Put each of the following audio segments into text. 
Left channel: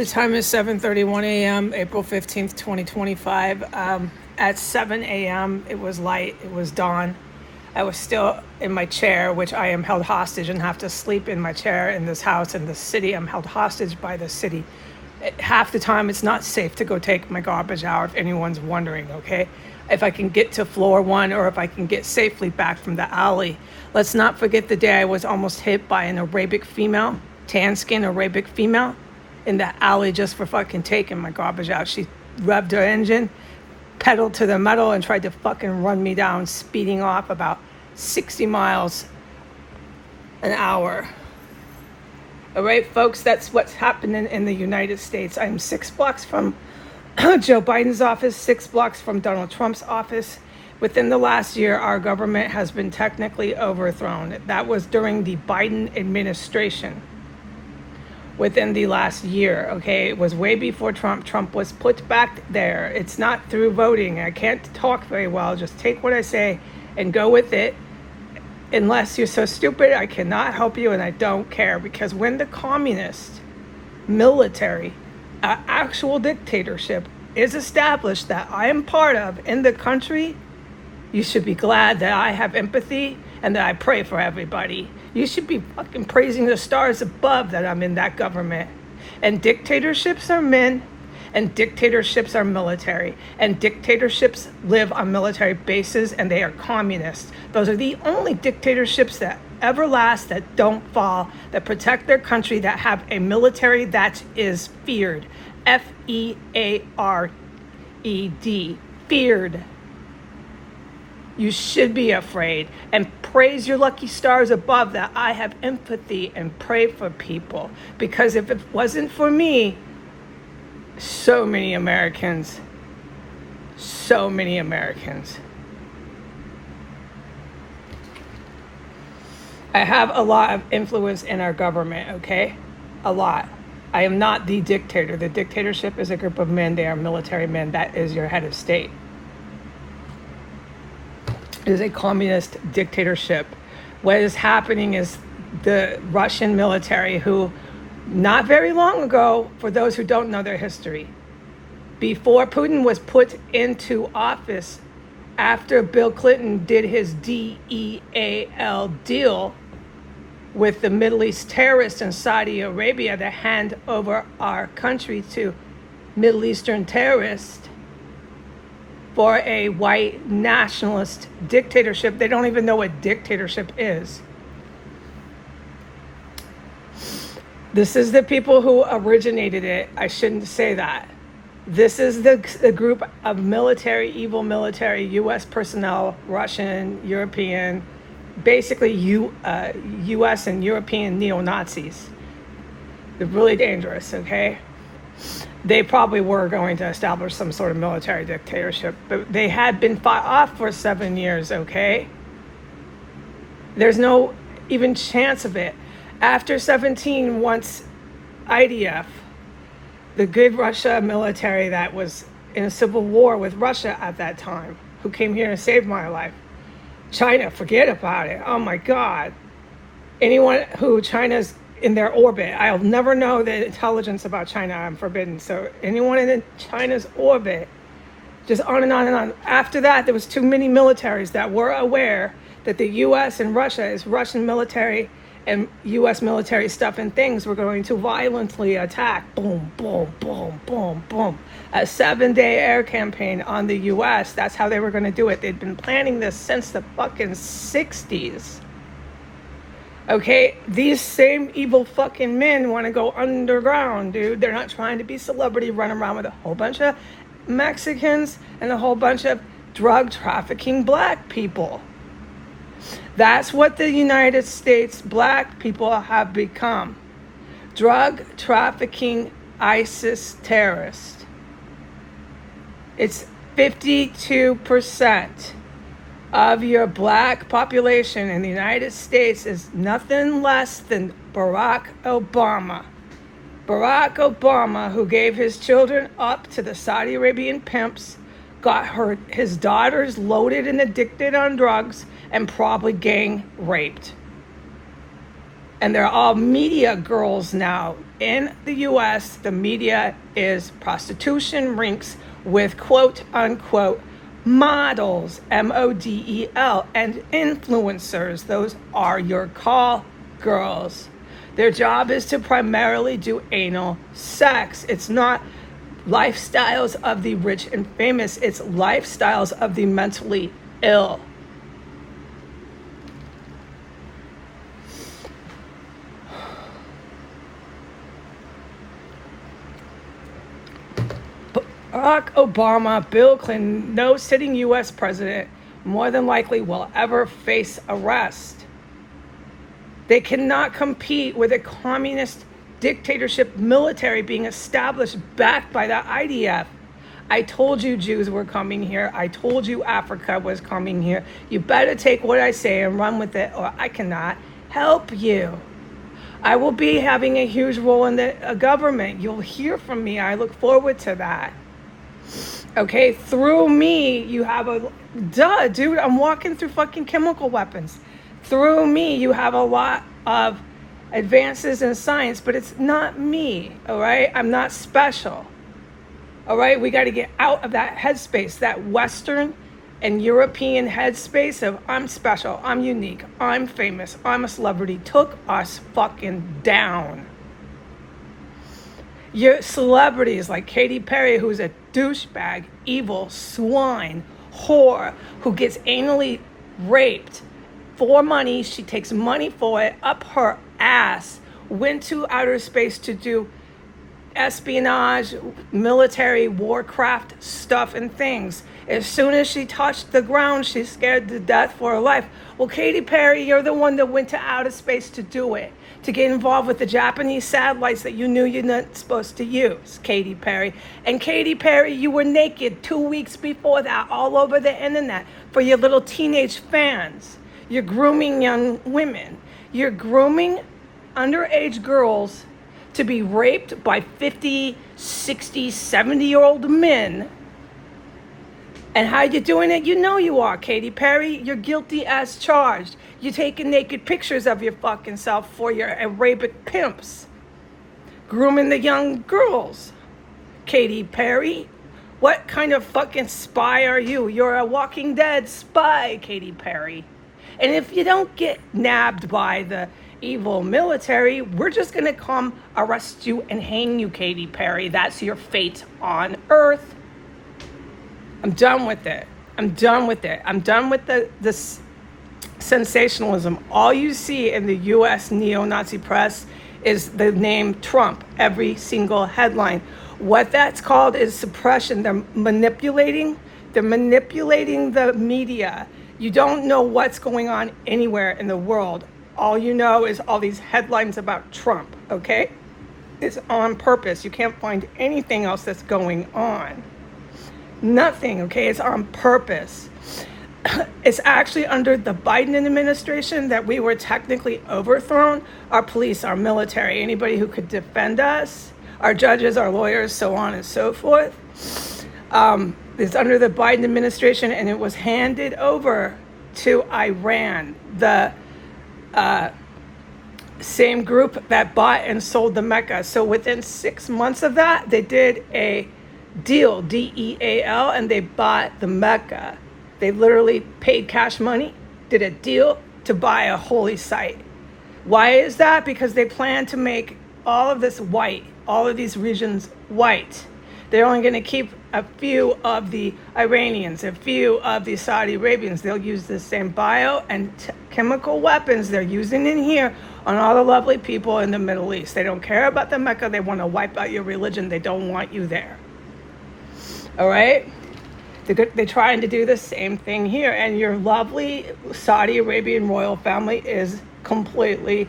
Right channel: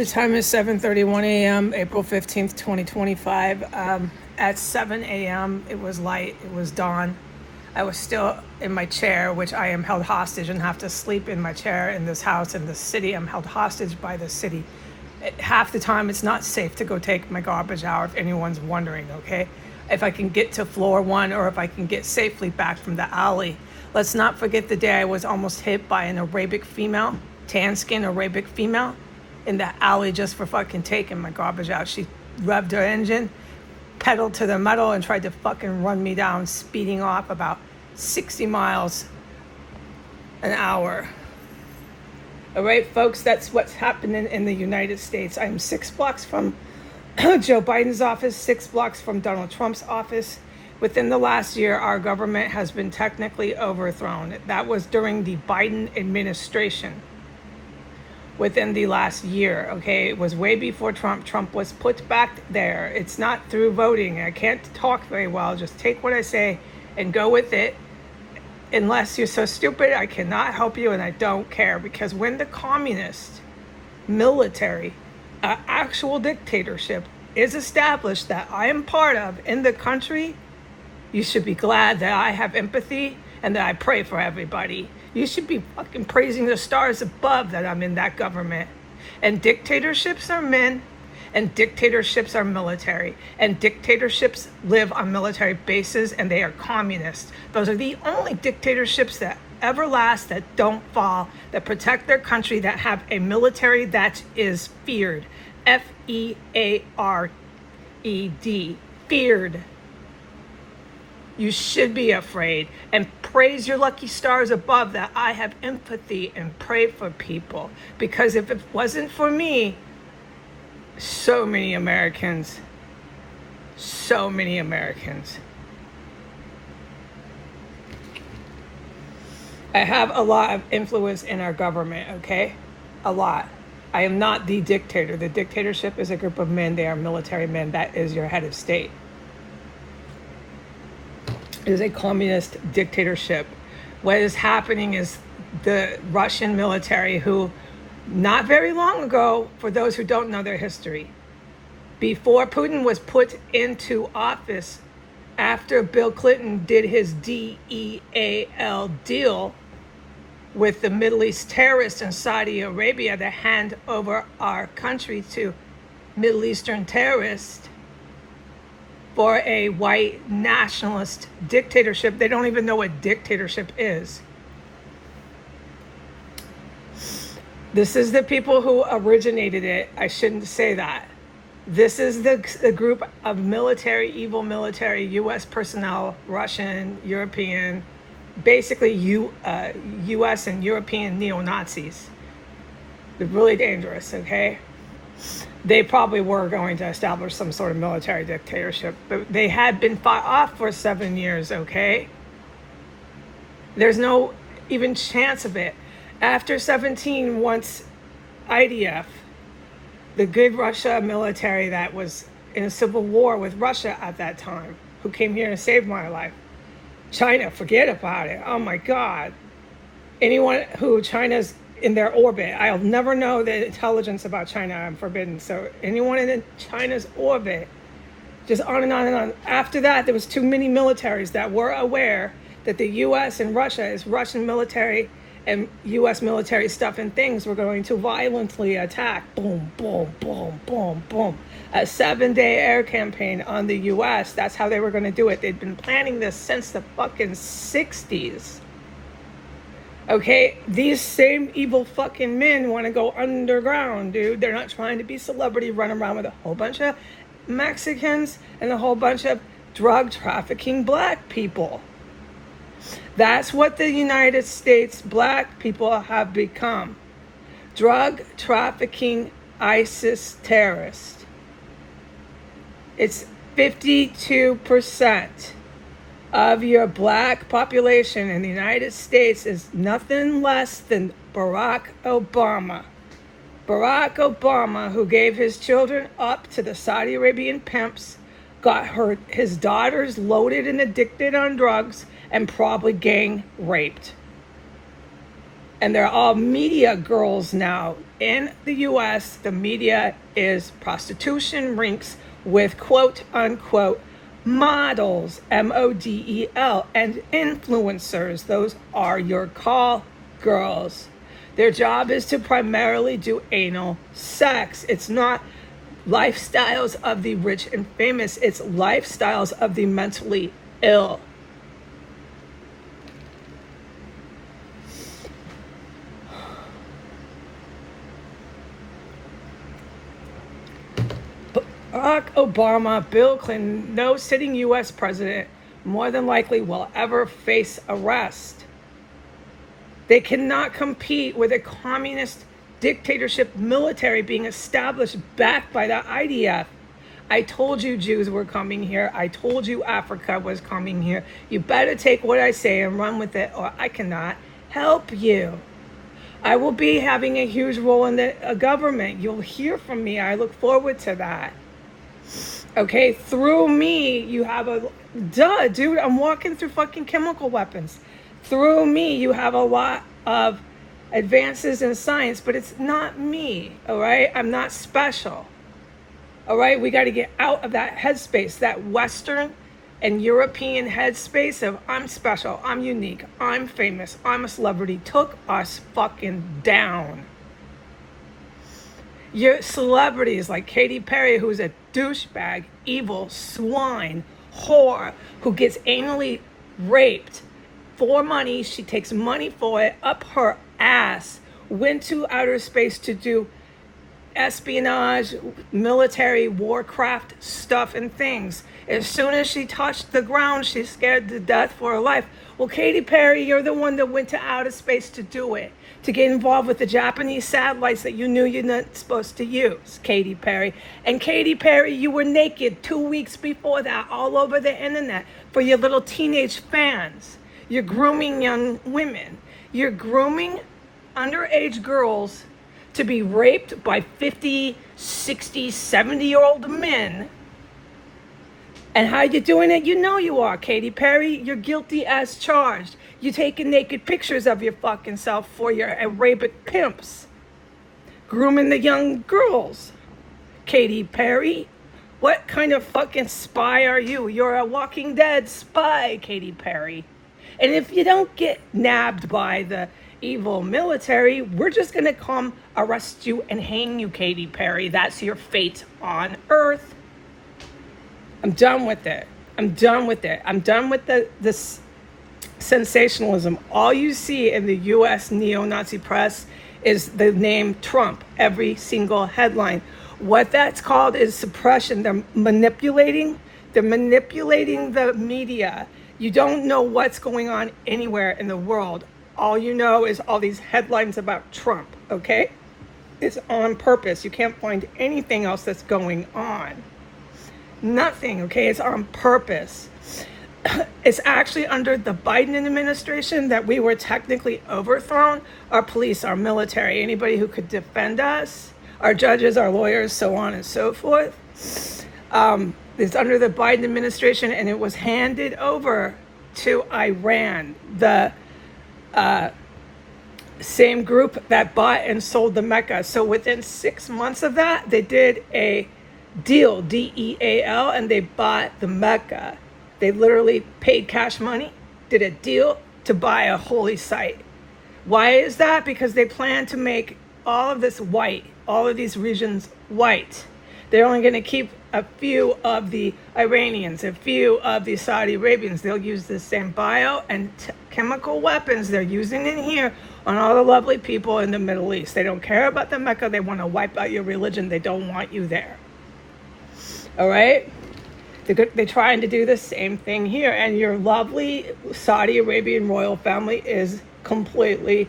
The time is 7:31 a.m., April 15th, 2025. At 7 a.m., it was light, it was dawn. I was still in my chair, which I am held hostage and have to sleep in my chair in this house in this city. I'm held hostage by the city. Half the time, it's not safe to go take my garbage out, if anyone's wondering, okay? If I can get to floor one or if I can get safely back from the alley. Let's not forget the day I was almost hit by an Arabic female, tan skin Arabic female, in the alley just for fucking taking my garbage out. She revved her engine, pedaled to the metal, and tried to fucking run me down, speeding off about 60 miles an hour. All right, folks, that's what's happening in the United States. I'm 6 blocks from Joe Biden's office, 6 blocks from Donald Trump's office. Within the last year, our government has been technically overthrown. That was during the Biden administration. Within the last year, okay? It was way before Trump. Trump was put back there. It's not through voting. I can't talk very well. Just take what I say and go with it. Unless you're so stupid, I cannot help you, and I don't care. Because when the communist military, actual dictatorship, is established that I am part of in the country, you should be glad that I have empathy and that I pray for everybody. You should be fucking praising the stars above that I'm in that government. And dictatorships are men, and dictatorships are military, and dictatorships live on military bases, and they are communist. Those are the only dictatorships that ever last, that don't fall, that protect their country, that have a military that is feared. F-E-A-R-E-D. Feared. You should be afraid, and praise your lucky stars above that I have empathy and pray for people. Because if it wasn't for me, so many Americans. I have a lot of influence in our government, okay? A lot. I am not the dictator. The dictatorship is a group of men. They are military men. That is your head of state. It is a communist dictatorship. What is happening is the Russian military, who not very long ago, for those who don't know their history, before Putin was put into office, after Bill Clinton did his DEAL deal with the Middle East terrorists and Saudi Arabia to hand over our country to Middle Eastern terrorists, for a white nationalist dictatorship. They don't even know what dictatorship is. This is the people who originated it. I shouldn't say that. This is the group of military, evil military, U.S. personnel, Russian, European, basically U.S. and European neo-Nazis. They're really dangerous, okay? They probably were going to establish some sort of military dictatorship, but they had been fought off for 7 years, okay? There's no even chance of it. After 17, once IDF, the good Russia military that was in a civil war with Russia at that time, who came here and saved my life. China, forget about it. Oh my God. Anyone who China's in their orbit, I'll never know the intelligence about China. I'm forbidden. So anyone in China's orbit, just on and on and on. After that, there was too many militaries that were aware that the U.S. and Russia is Russian military and U.S. military stuff and things were going to violently attack. Boom, boom, boom, boom, boom. A 7-day air campaign on the U.S. That's how they were going to do it. They'd been planning this since the fucking 60s. Okay, these same evil fucking men want to go underground, dude. They're not trying to be celebrity, run around with a whole bunch of Mexicans and a whole bunch of drug trafficking black people. That's what the United States black people have become. Drug trafficking ISIS terrorists. It's 52%. Of your black population in the United States is nothing less than Barack Obama. Barack Obama, who gave his children up to the Saudi Arabian pimps, got his daughters loaded and addicted on drugs, and probably gang raped. And they're all media girls now. In the US, the media is prostitution rinks with quote unquote models, MODEL, and influencers. Those are your call girls. Their job is to primarily do anal sex. It's not lifestyles of the rich and famous, it's lifestyles of the mentally ill. Barack Obama, Bill Clinton, no sitting US president more than likely will ever face arrest. They cannot compete with a communist dictatorship military being established backed by the IDF. I told you Jews were coming here. I told you Africa was coming here. You better take what I say and run with it, or I cannot help you. I will be having a huge role in the government. You'll hear from me. I look forward to that. Okay, through me, you have dude, I'm walking through fucking chemical weapons. Through me, you have a lot of advances in science, but it's not me, all right? I'm not special, all right? We got to get out of that headspace, that Western and European headspace of I'm special, I'm unique, I'm famous, I'm a celebrity, took us fucking down. Your celebrities like Katy Perry, who's a douchebag, evil, swine, whore, who gets anally raped for money. She takes money for it up her ass, went to outer space to do espionage, military, warcraft stuff and things. As soon as she touched the ground, she's scared to death for her life. Well, Katy Perry, you're the one that went to outer space to do it, to get involved with the Japanese satellites that you knew you're not supposed to use, Katy Perry. And Katy Perry, you were naked 2 weeks before that all over the internet for your little teenage fans. You're grooming young women. You're grooming underage girls to be raped by 50, 60, 70-year-old men. And how you doing it? You know you are, Katy Perry. You're guilty as charged. You're taking naked pictures of your fucking self for your Arabic pimps. Grooming the young girls. Katy Perry, what kind of fucking spy are you? You're a Walking Dead spy, Katy Perry. And if you don't get nabbed by the evil military, we're just gonna come arrest you and hang you, Katy Perry. That's your fate on Earth. I'm done with it. I'm done with it. I'm done with this sensationalism. All you see in the US neo-Nazi press is the name Trump, every single headline. What that's called is suppression. They're manipulating the media. You don't know what's going on anywhere in the world. All you know is all these headlines about Trump, okay? It's on purpose. You can't find anything else that's going on. Nothing, okay? It's on purpose. It's actually under the Biden administration that we were technically overthrown. Our police, our military, anybody who could defend us, our judges, our lawyers, so on and so forth. It's under the Biden administration, and it was handed over to Iran, the same group that bought and sold the Mecca. So within 6 months of that, they did a deal, DEAL, and they bought the Mecca. They literally paid cash money, did a deal to buy a holy site. Why is that? Because they plan to make all of this white, all of these regions white. They're only going to keep a few of the Iranians, a few of the Saudi Arabians. They'll use the same bio and chemical weapons they're using in here on all the lovely people in the Middle East. They don't care about the Mecca. They want to wipe out your religion. They don't want you there. All right? They're trying to do the same thing here. And your lovely Saudi Arabian royal family is completely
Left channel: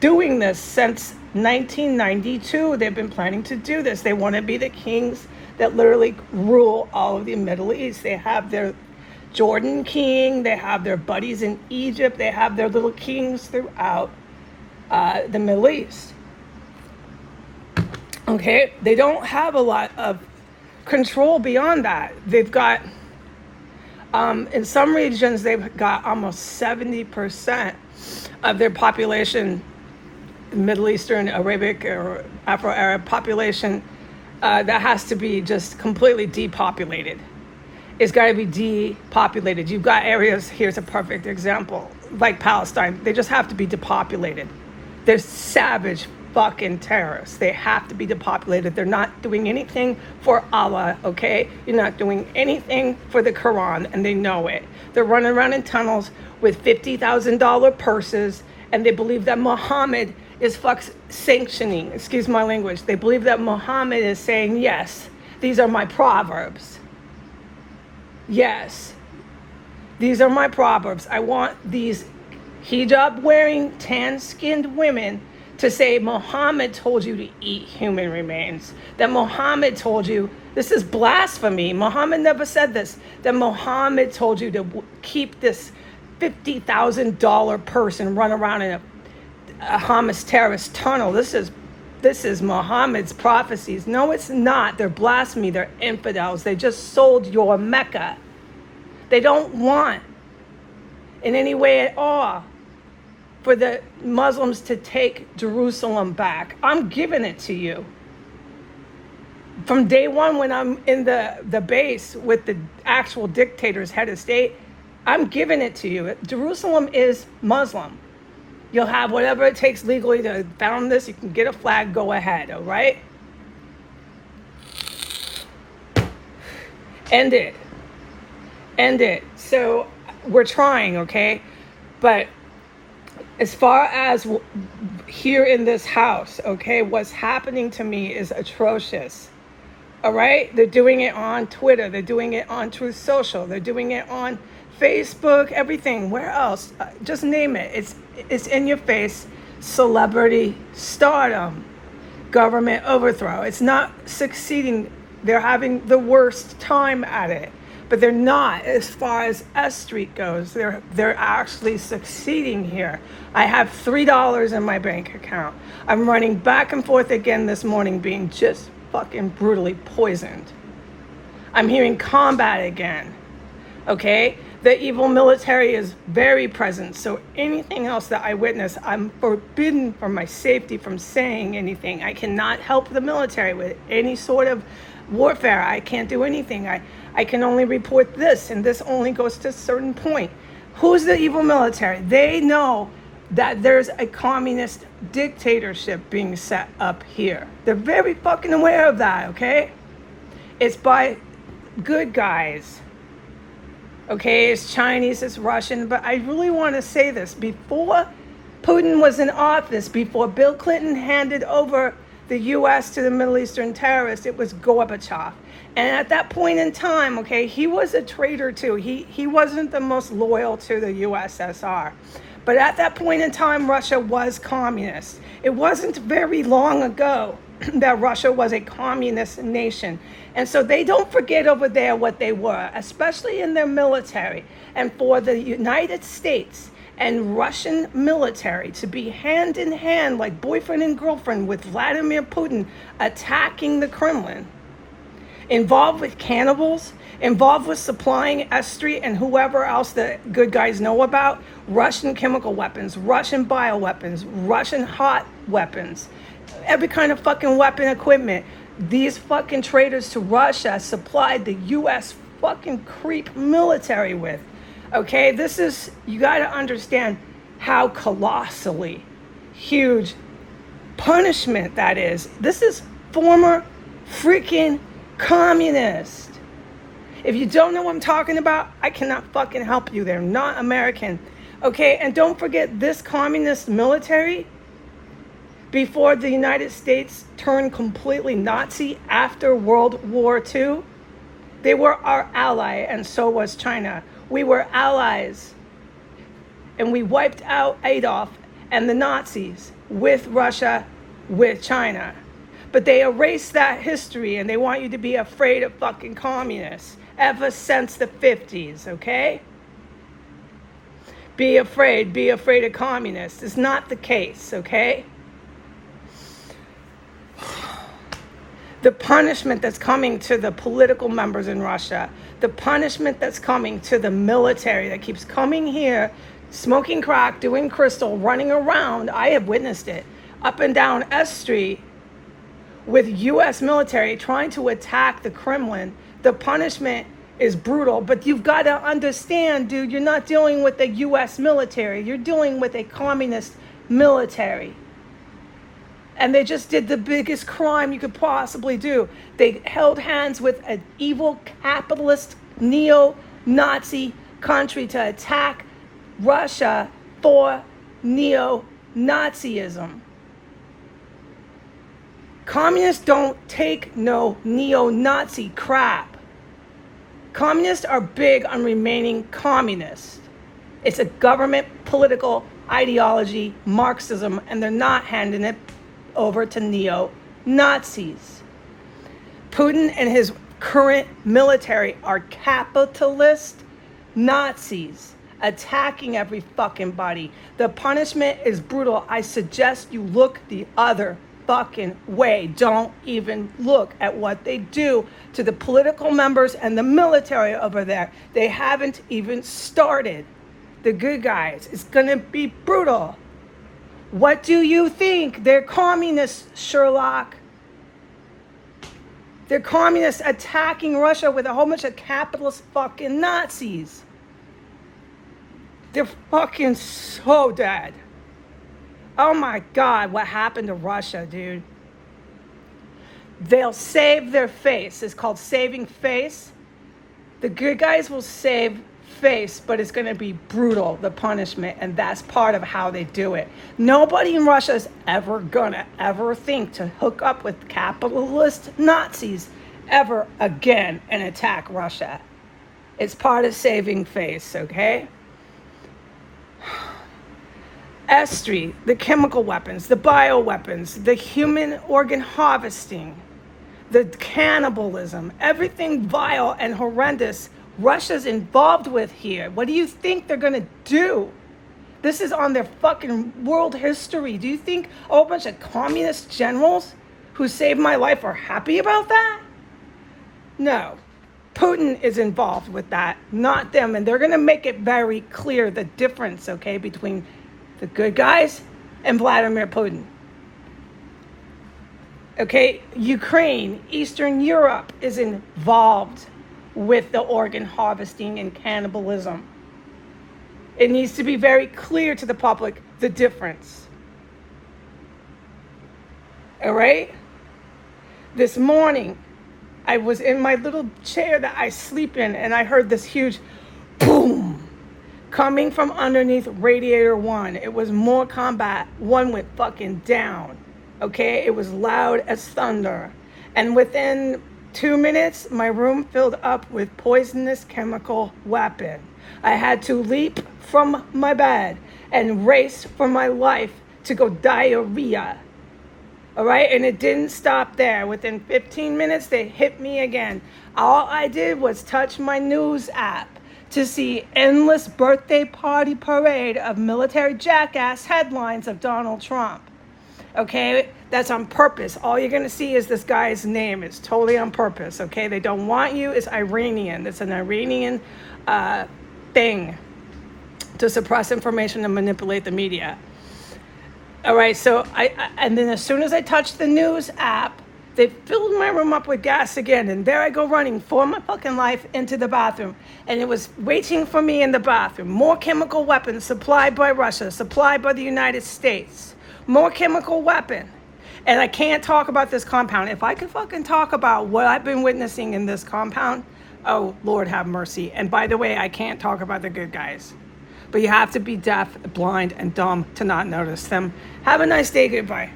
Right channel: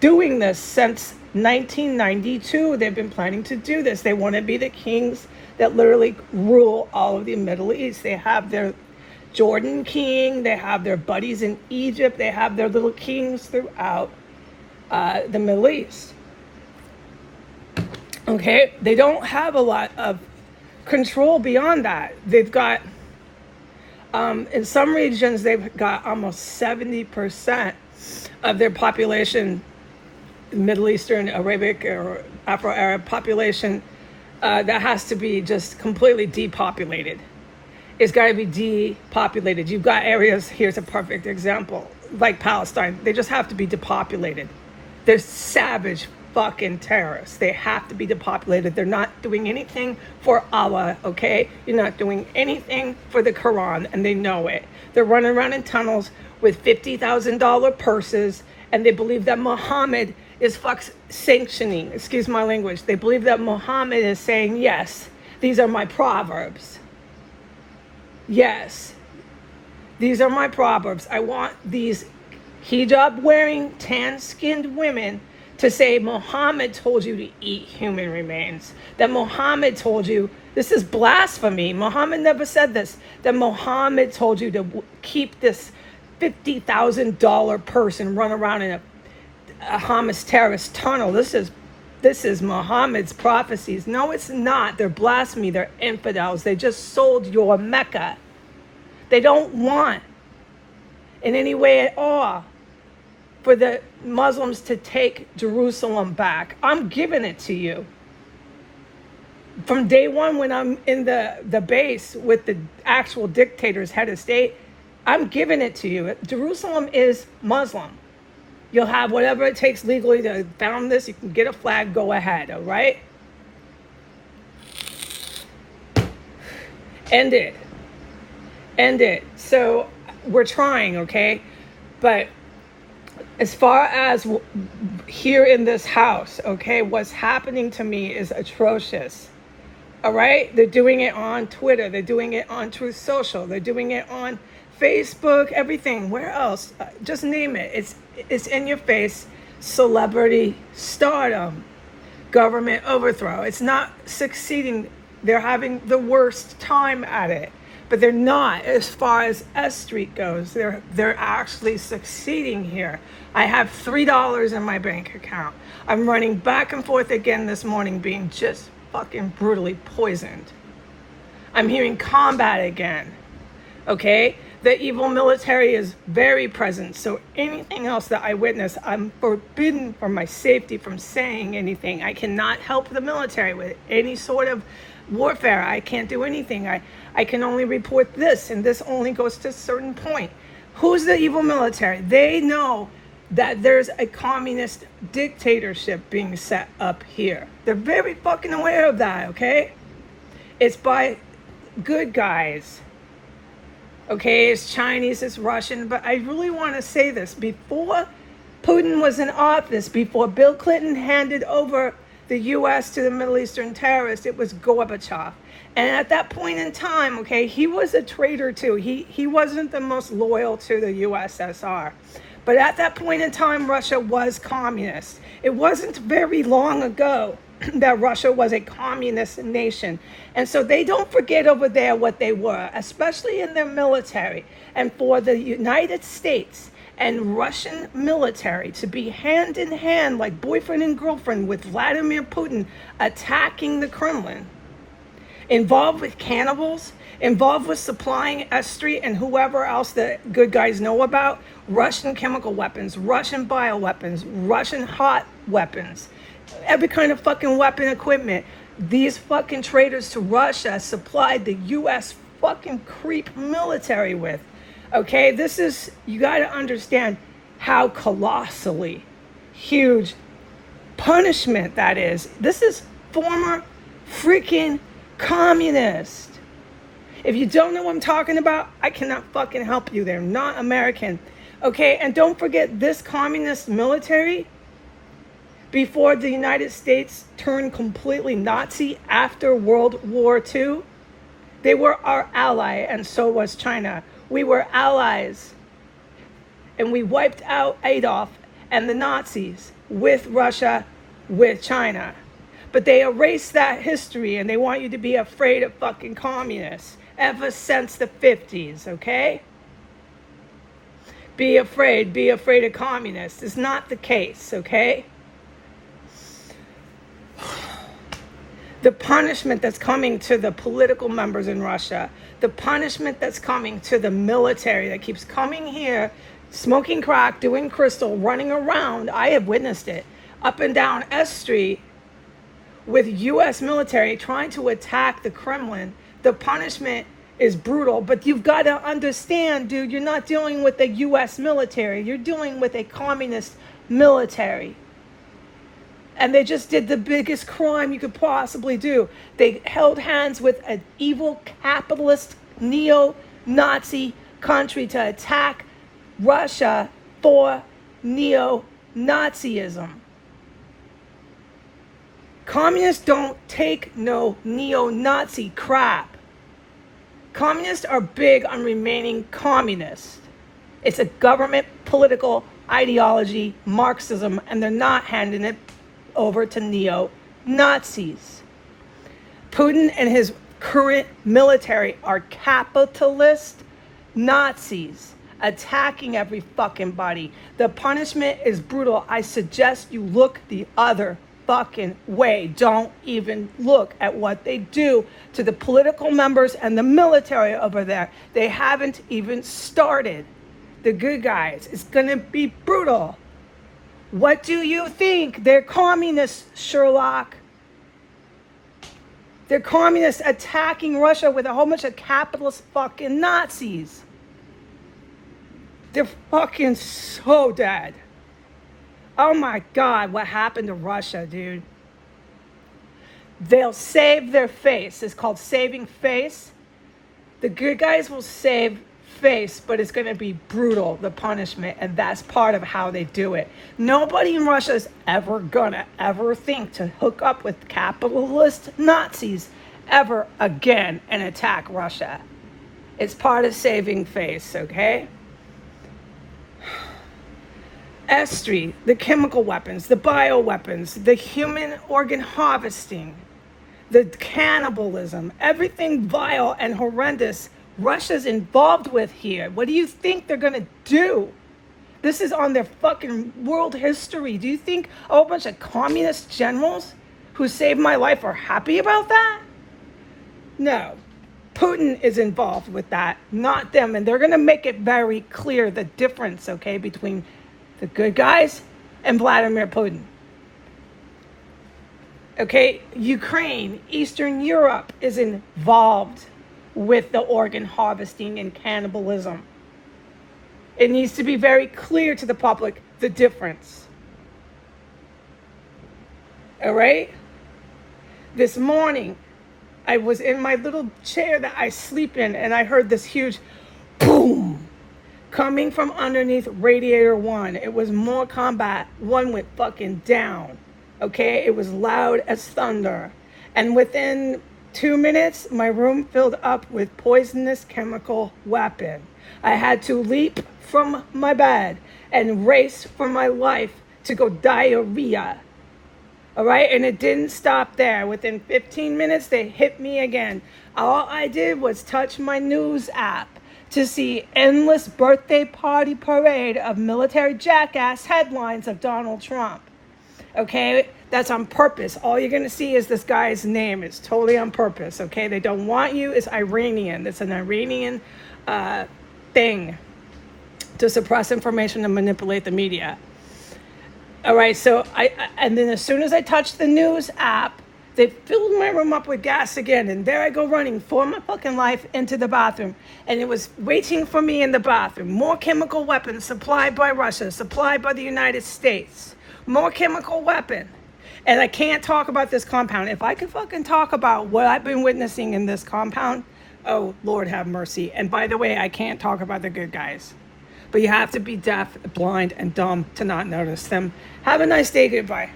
doing this since 1992. They've been planning to do this. They want to be the kings that literally rule all of the Middle East. They have their Jordan king. They have their buddies in Egypt. They have their little kings throughout the Middle East. Okay? They don't have a lot of control beyond that. They've got, in some regions, they've got almost 70% of their population Middle Eastern, Arabic, or Afro-Arab population, that has to be just completely depopulated. It's got to be depopulated. You've got areas, here's a perfect example, like Palestine. They just have to be depopulated. They're savage fucking terrorists. They have to be depopulated. They're not doing anything for Allah, okay? You're not doing anything for the Quran, and they know it. They're running around in tunnels with $50,000 purses, and they believe that Muhammad is sanctioning, excuse my language. They believe that Muhammad is saying, yes, these are my proverbs. Yes, these are my proverbs. I want these hijab-wearing, tan-skinned women to say Muhammad told you to eat human remains. That Muhammad told you, this is blasphemy. Muhammad never said this. That Muhammad told you to keep this $50,000 person run around in a Hamas terrorist tunnel. This is Muhammad's prophecies. No, it's not. They're blasphemy. They're infidels. They just sold your Mecca. They don't want, in any way at all, for the Muslims to take Jerusalem back. I'm giving it to you. From day one, when I'm in the base with the actual dictator's head of state, I'm giving it to you. Jerusalem is Muslim. You'll have whatever it takes legally to found this. You can get a flag, go ahead, all right? End it. End it. So we're trying, okay? But as far as here in this house, okay, what's happening to me is atrocious. All right? They're doing it on Twitter. They're doing it on Truth Social. They're doing it on Facebook, everything. Where else? Just name it. It's in your face. Celebrity stardom. Government overthrow. It's not succeeding. They're having the worst time at it. But they're not, as far as S Street goes. They're actually succeeding here. I have $3 in my bank account. I'm running back and forth again this morning, being just fucking brutally poisoned. I'm hearing combat again. Okay? The evil military is very present. So anything else that I witness, I'm forbidden for my safety from saying anything. I cannot help the military with any sort of warfare. I can't do anything. I can only report this, and this only goes to a certain point. Who's the evil military? They know that there's a communist dictatorship being set up here. They're very fucking aware of that, okay? It's by good guys. Okay, it's Chinese, it's Russian, but I really want to say this. Before Putin was in office, before Bill Clinton handed over the U.S. to the Middle Eastern terrorists, it was Gorbachev. And at that point in time, okay, he was a traitor too. He wasn't the most loyal to the USSR. But at that point in time, Russia was communist. It wasn't very long ago that Russia was a communist nation. And so they don't forget over there what they were, especially in their military. And for the United States and Russian military to be hand in hand like boyfriend and girlfriend with Vladimir Putin attacking the Kremlin, involved with cannibals, involved with supplying S Street and whoever else the good guys know about, Russian chemical weapons, Russian bioweapons, Russian hot weapons, every kind of fucking weapon equipment. These fucking traitors to Russia supplied the U.S. fucking creep military with. Okay, this is, you got to understand how colossally huge punishment that is. This is former freaking communist. If you don't know what I'm talking about, I cannot fucking help you. They're not American. Okay, and don't forget this communist military, before the United States turned completely Nazi after World War II, they were our ally, and so was China. We were allies, and we wiped out Adolf and the Nazis with Russia, with China. But they erased that history, and they want you to be afraid of fucking communists ever since the 50s, okay? Be afraid of communists. It's not the case, okay? The punishment that's coming to the political members in Russia, the punishment that's coming to the military that keeps coming here, smoking crack, doing crystal, running around. I have witnessed it. up and down S Street with U.S. military trying to attack the Kremlin, the punishment is brutal. But you've got to understand, dude, you're not dealing with the U.S. military. You're dealing with a communist military. And they just did the biggest crime you could possibly do. They held hands with an evil capitalist neo-Nazi country to attack Russia for neo-Nazism. Communists don't take no neo-Nazi crap. Communists are big on remaining communist. It's a government political ideology, Marxism, and they're not handing it over to neo-Nazis. Putin and his current military are capitalist Nazis attacking every fucking body. The punishment is brutal. I suggest you look the other fucking way. Don't even look at what they do to the political members and the military over there. They haven't even started. The good guys. It's gonna be brutal. What do you think? They're communists, Sherlock. They're communists attacking Russia with a whole bunch of capitalist fucking Nazis. They're fucking so dead. Oh my God, what happened to Russia, dude? They'll save their face. It's called saving face. The good guys will save face, but it's going to be brutal, the punishment, and that's part of how they do it. Nobody in Russia is ever gonna think to hook up with capitalist Nazis ever again and attack Russia. It's part of saving face, okay? Estri, the chemical weapons, the bioweapons, the human organ harvesting, the cannibalism, everything vile and horrendous Russia's involved with here. What do you think they're gonna do? This is on their fucking world history. Do you think a whole bunch of communist generals who saved my life are happy about that? No. Putin is involved with that, not them. And they're gonna make it very clear the difference, okay, between the good guys and Vladimir Putin. Okay, Ukraine, Eastern Europe is involved with the organ harvesting and cannibalism. It needs to be very clear to the public the difference. All right? This morning, I was in my little chair that I sleep in, and I heard this huge boom coming from underneath radiator 1. It was more combat. 1 went fucking down. Okay? It was loud as thunder. And within 2 minutes, my room filled up with poisonous chemical weapon. I had to leap from my bed and race for my life to go diarrhea. All right, and it didn't stop there. Within 15 minutes, they hit me again. All I did was touch my news app to see endless birthday party parade of military jackass headlines of Donald Trump. Okay, that's on purpose. All you're going to see is this guy's name. It's totally on purpose, okay? They don't want you. It's Iranian. It's an Iranian thing to suppress information and manipulate the media. All right, so and then as soon as I touched the news app, they filled my room up with gas again. And there I go running for my fucking life into the bathroom. And it was waiting for me in the bathroom. More chemical weapons supplied by Russia, supplied by the United States. More chemical weapon. And I can't talk about this compound. If I could fucking talk about what I've been witnessing in this compound, oh, Lord have mercy. And by the way, I can't talk about the good guys. But you have to be deaf, blind, and dumb to not notice them. Have a nice day. Goodbye.